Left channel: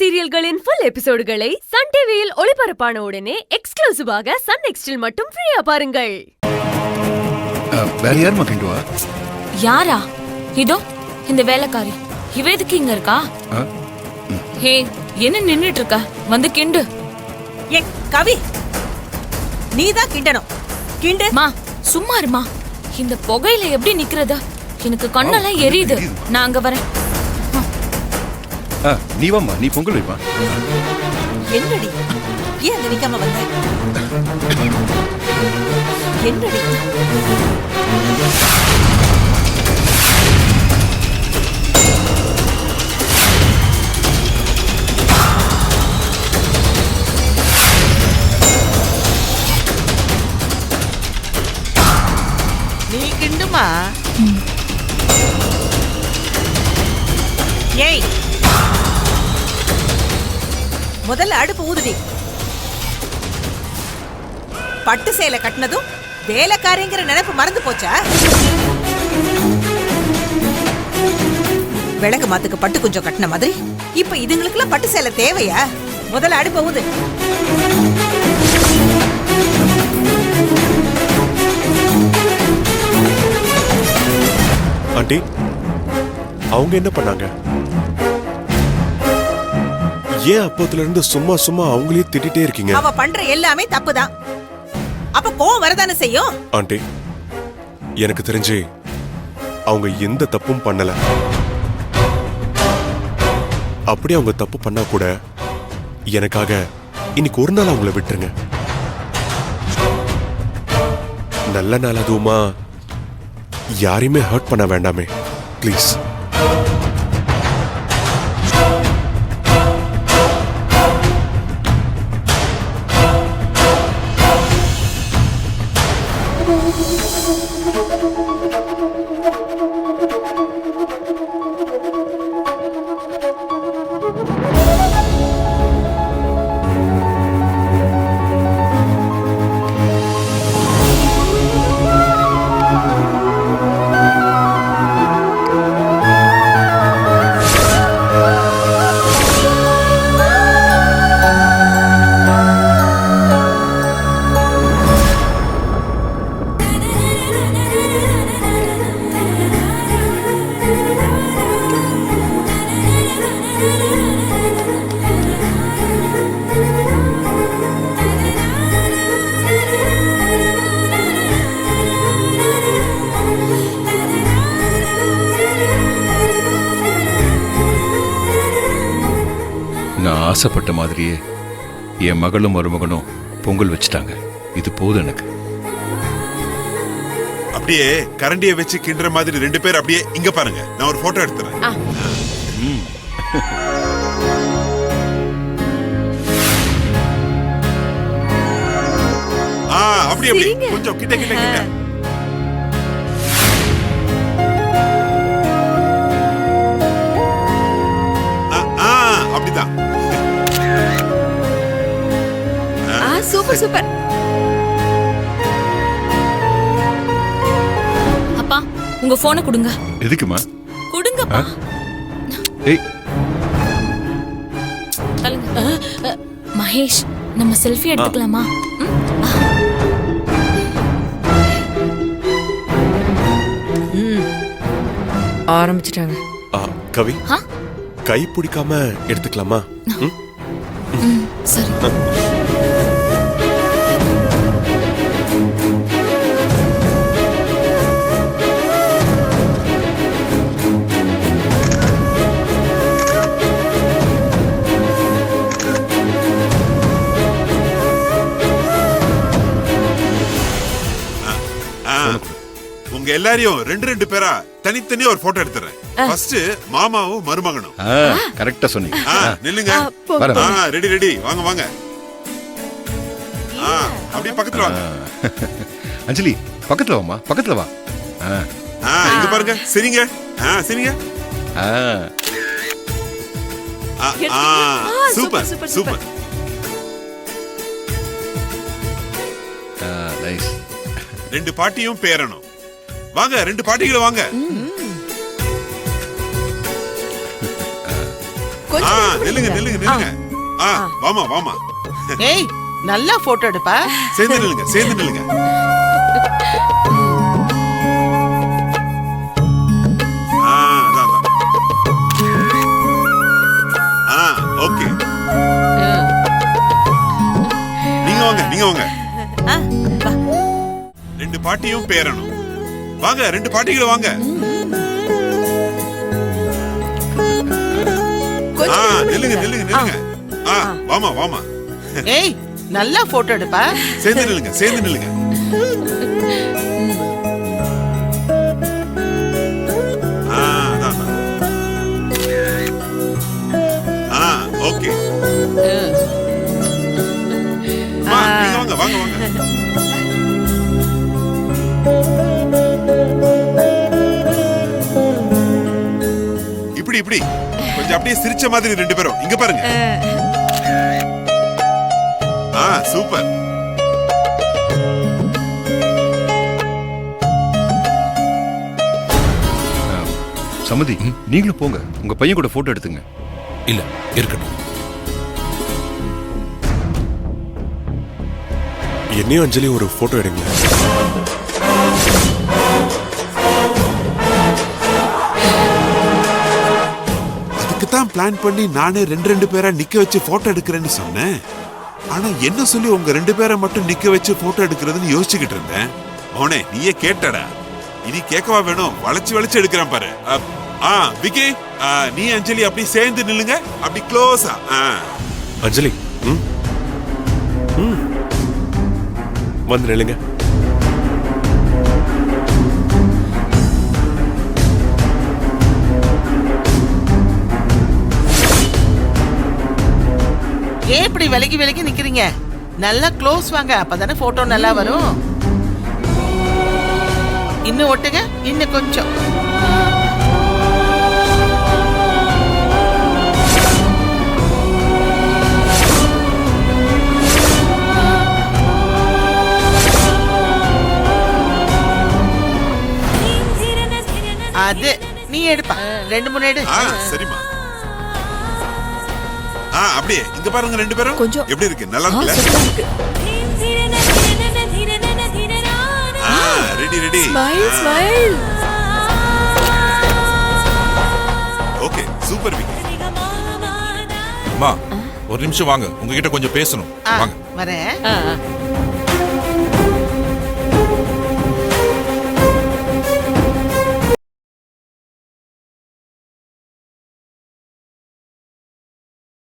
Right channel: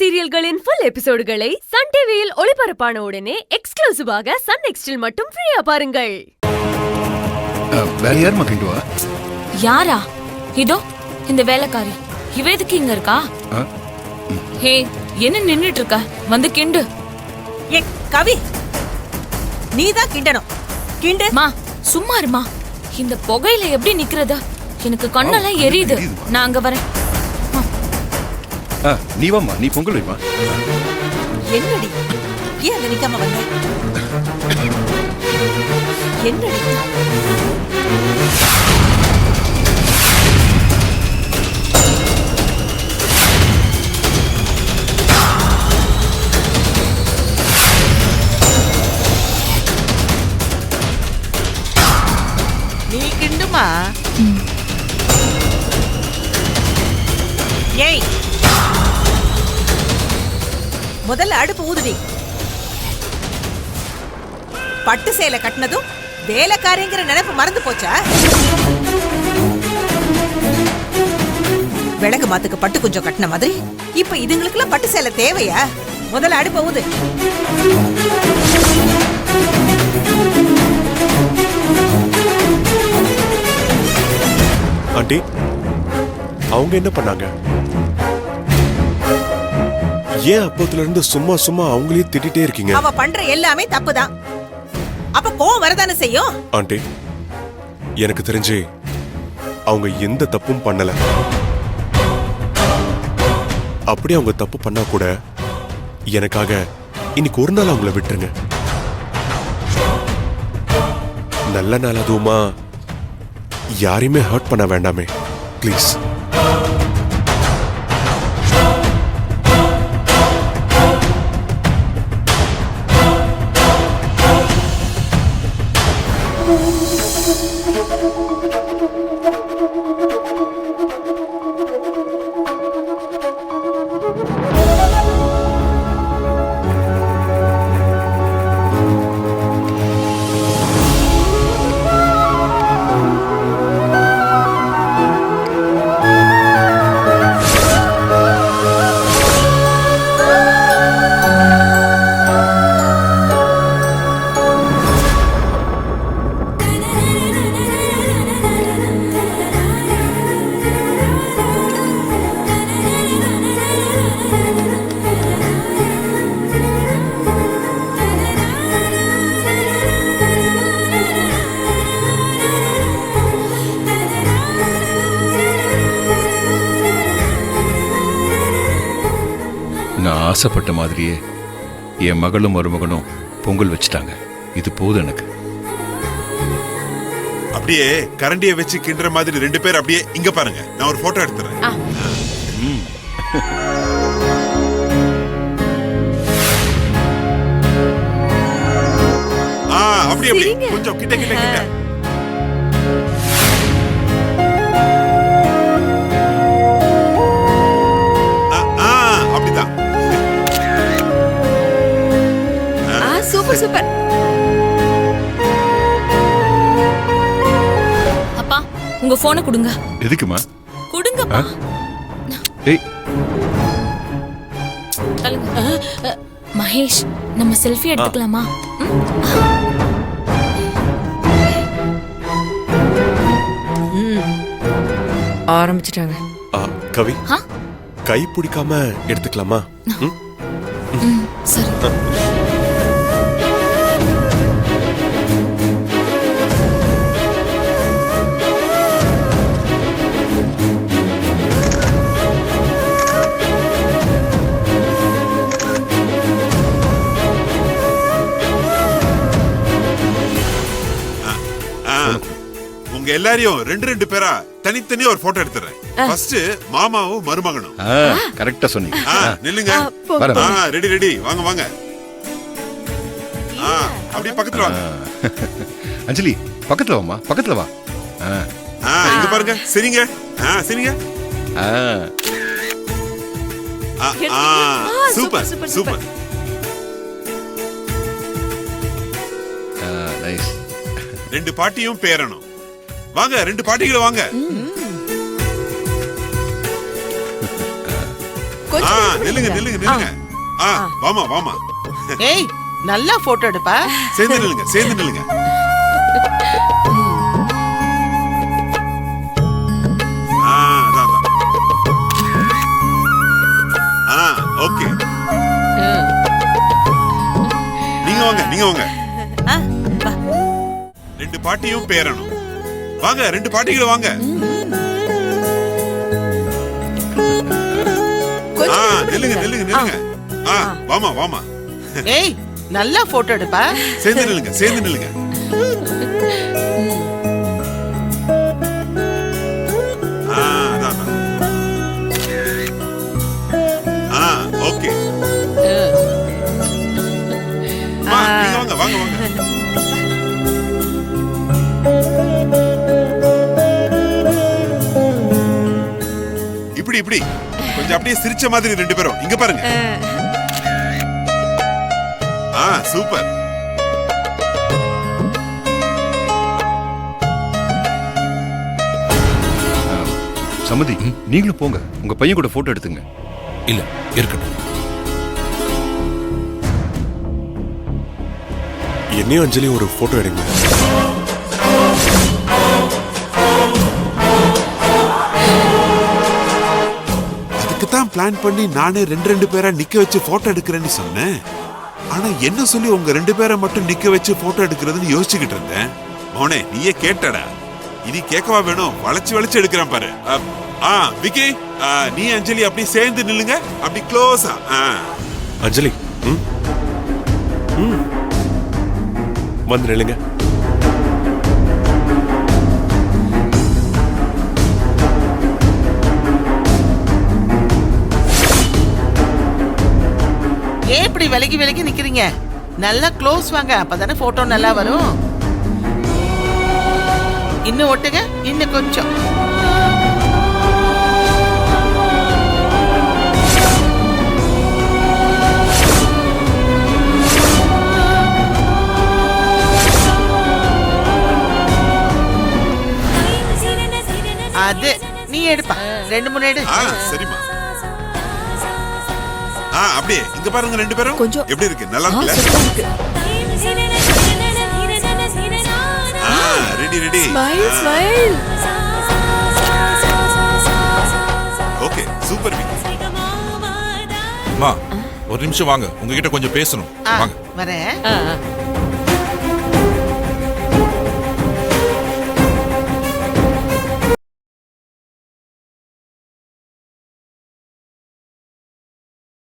சீரியல்களின் full எபிசோடுகளை Sun டிவியில் ஒளிபரப்பான உடனே எக்ஸ்க்ளூசிவாக சன் நெக்ஸ்டில் மட்டும் ஃப்ரீயா பாருங்கள். வேற யார் மகிண்டுவா? யாரா? இதோ இந்த வேலைக்காரி. இவ எதுக்கு இங்க இருக்கா? ஹே, என்ன நின்னுட்டு இருக்க? வந்து கிண்டு. ஏ கவி, நீதான் கிண்டணும். கிண்டு. மா சும்மா இருமா. இந்த புகையில எப்படி நிக்கிறது? எனக்கு கண்ணெல்லாம் எரியுது. நான் அங்க வரேன். நீ வாமா, நீ பொங்கல் வைப்பா. என்னடி ஏன் அங்க நிக்காம வந்த? என்னடி? நீ கிண்டுமா? ஏய், முதல்ல அடுப்பு ஊதுடி. பட்டு சேலை கட்டினதும் வேலைக்காரிங்கிற நினைப்பு மறந்து போச்சா? விளக்கு மாத்துக்கு பட்டு கொஞ்சம் கட்டின மாதிரி இப்ப இதுங்களுக்குலாம் பட்டு சேலை தேவையா? முதல்ல அடுப்ப ஊது. ஆண்டி, அவங்க என்ன பண்ணாங்க? ஏன் அப்பத்துல இருந்து சும்மா சும்மா அவங்களே திட்டிட்டே இருக்கீங்க? அவ பண்ற எல்லாமே தப்புதான். அப்ப கோவம் வரதானே செய்யும். ஆண்டி, எனக்கு தெரிஞ்சு அவங்க எந்த தப்பும் பண்ணல. அப்படி அவங்க தப்பு பண்ணா கூட எனக்காக இன்னைக்கு ஒரு நாள் அவங்கள விட்டுருங்க. நல்ல நாள் அதுவுமா, யாரையுமே ஹர்ட் பண்ண வேண்டாமே ப்ளீஸ். நான் ஆசைப்பட்ட மாதிரியே என் மகளும் மருமகனும் பொங்கல் வச்சுட்டாங்க. இது போதும் எனக்கு. அப்படியே கரண்டியை வச்சு கிண்டுற மாதிரி ரெண்டு பேர் அப்படியே இங்க பாருங்க. நான் ஒரு போட்டோ எடுத்துறேன். அப்படி அப்படி கொஞ்சம் கிட்ட கிட்ட கிட்ட. அப்படிதான். Super super. அப்பா, உங்க போனை கொடுங்க. எதுக்குமா? கொடுங்கப்பா. ஏய், தள்ளுங்க. மகேஷ், நம்ம செல்ஃபி எடுத்துக்கலாமா? ஆரம்பிச்சிட்டாங்க. கவி, கை பிடிக்காம எடுத்துக்கலாமா? சரி. உங்க எல்லாரையும் ரெண்டு ரெண்டு பேரா தனித்தனியா ஒரு போட்டோ எடுத்துறேன். ஃபர்ஸ்ட் மாமாவும் மருமகனும். கரெக்டா சொன்னீங்க. நில்லுங்க. ரெடி ரெடி, வாங்க வாங்க. அப்படியே பக்கத்துல வாங்க. அஞ்சலி, பக்கத்துல வாமா, பக்கத்துல வா. இங்க பாருங்க. சரிங்க. சரிங்க. Super super. நைஸ். ரெண்டு பாட்டியும் பேரணும். வாங்க, ரெண்டு பாட்டிகளும் வாங்க. கொஞ்சம் wait நில்லுங்க பண்ணுங்க. நில்லுங்க நில்லுங்க வாமா வாமா ஏய் நல்லா போட்டோ எடுப்பா. சேர்ந்து நில்லுங்க அதான் ஓகே நீங்க வாங்க ஆ, வா. ரெண்டு பாட்டியும் பேரணும் வாங்க, ரெண்டு பாட்டிகளும் வாங்க. கொஞ்சம் wait நில்லுங்க பண்ணுங்க. நில்லுங்க வாமா ஏய் நல்லா போட்டோ எடுப்பா. சேர்ந்து நில்லுங்க அதான் ஓகே நீங்க வாங்க இப்படி கொஞ்சம் அப்படியே சிரிச்ச மாதிரி ரெண்டு பேரும் இங்க பாருங்க. சூப்பர். சமதி, நீங்களும் போங்க, உங்க பையன் கூட போட்டோ எடுத்துங்க. இல்ல இருக்கட்டும். என்னையும் அஞ்சலியும் ஒரு போட்டோ எடுங்க. அதுக்குத்தான் பிளான் பண்ணி நானே ரெண்டு பேரா நிக்க வச்சு போட்டோ எடுக்கிறேன்னு சொன்னேன். ஆனா என்ன சொல்லி உங்க ரெண்டு பேரை மட்டும் நிக்க வச்சு போட்டோ எடுக்கிறதுன்னு யோசிச்சுக்கிட்டு இருந்தேன். மோனே நீயே கேட்டடா, இனி கேட்கவா வேணும்? வளைச்சு எடுக்கிறேன் பாரு. விக்கி, நீ அஞ்சலி அப்படி சேர்ந்து நில்லுங்க, அப்படி க்ளோஸா. அஞ்சலி வந்து நில்லுங்க. ஏன் இப்படி விலகி நிக்கிறீங்க? நல்லா க்ளோஸ் வாங்க, அப்பதானே போட்டோ நல்லா வரும். இன்னும் ஒட்டுங்க, இன்னும் கொஞ்சம். அது நீ எடுப்பா, 2-3 எடு. சரிம்மா. அப்படியே இங்க பாருங்க ரெண்டு பேரும். கொஞ்சம். எப்படி இருக்கு? நல்லா இருக்குல்ல? சூப்பரா இருக்கு. Ready. Smile. Okay, super Vicky. அம்மா ஒரு நிமிஷம் வாங்க, உங்ககிட்ட கொஞ்சம் பேசணும். வாங்க. வரேன்.